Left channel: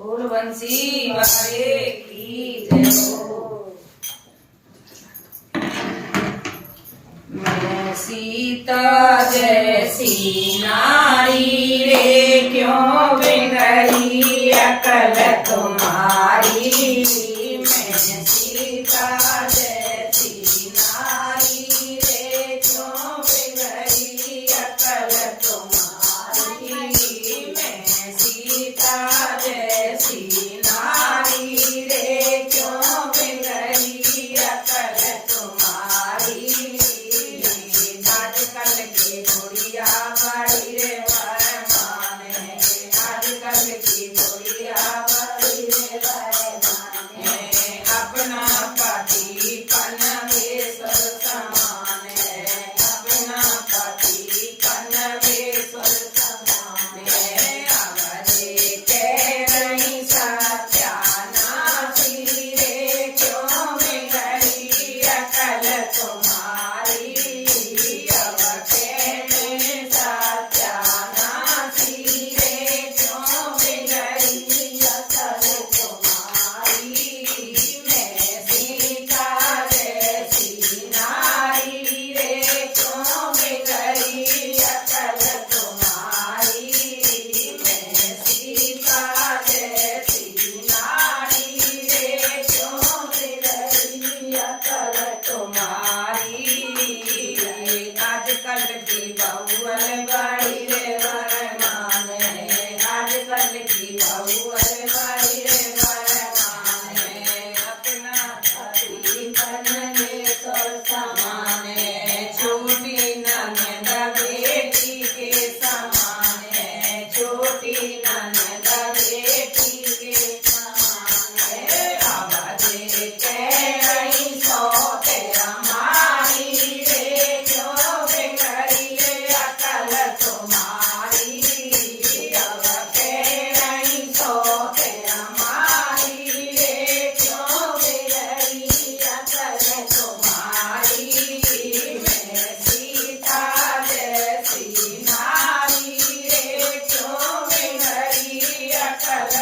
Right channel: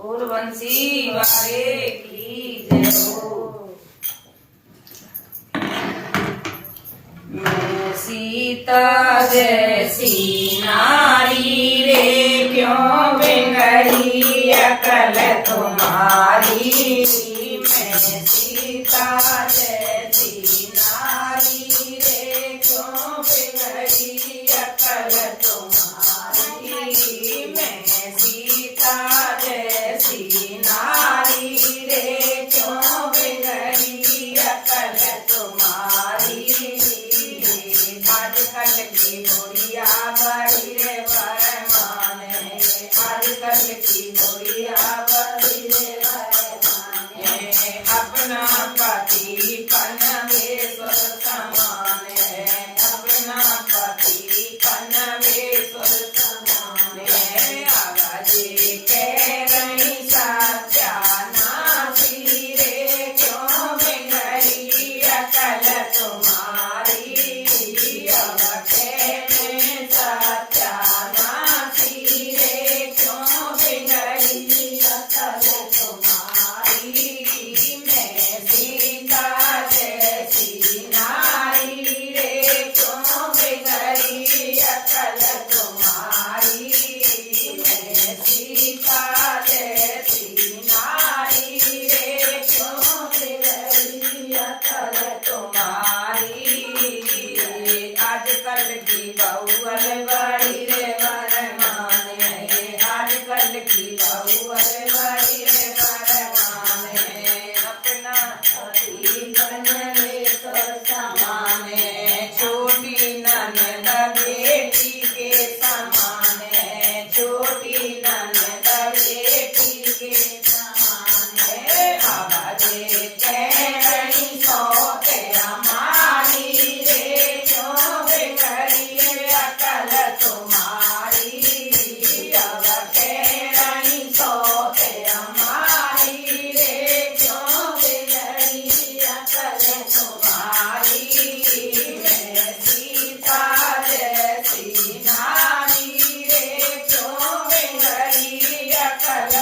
उर्वशी वारे की जय हो। मैं सीता जैसी नारी रे क्यों बिगड़ी अकल तुम्हारी। मैं सीता जैसी नारी रे क्यों बिगड़ी अकल तुम्हारी। मैं सीता जैसी नारी रे क्यों बिगड़ी अकल तुम्हारी। आजकल की गोरिया बड़ी रे वरमान है। आजकल की गोरिया बड़ी रे वरमान है। अपना पति पनवेश्वर समान है। अपना पति पनवेश्वर समान है। आवाजे कह रही सत्यानाशी रे क्यों बिगड़ी अकल तुम्हारी। आजकल की बहुअल बड़ी रे वरमान है। आजकल की बहुअल बड़ी रे वरमान है। अपना पति पनवेश्वर समान है। छोटी ननद बेटी के समान है। छोटी ननद बेटी के समान है। आवाजे कह रही सौते हमारी रे क्यों बिगड़ी अकल तुम्हारी। अब कह रही सौते हमारी रे क्यों बिगड़ी अकल तुम्हारी। मैं सीता जैसी नारी रे क्यों बिगड़ी अकल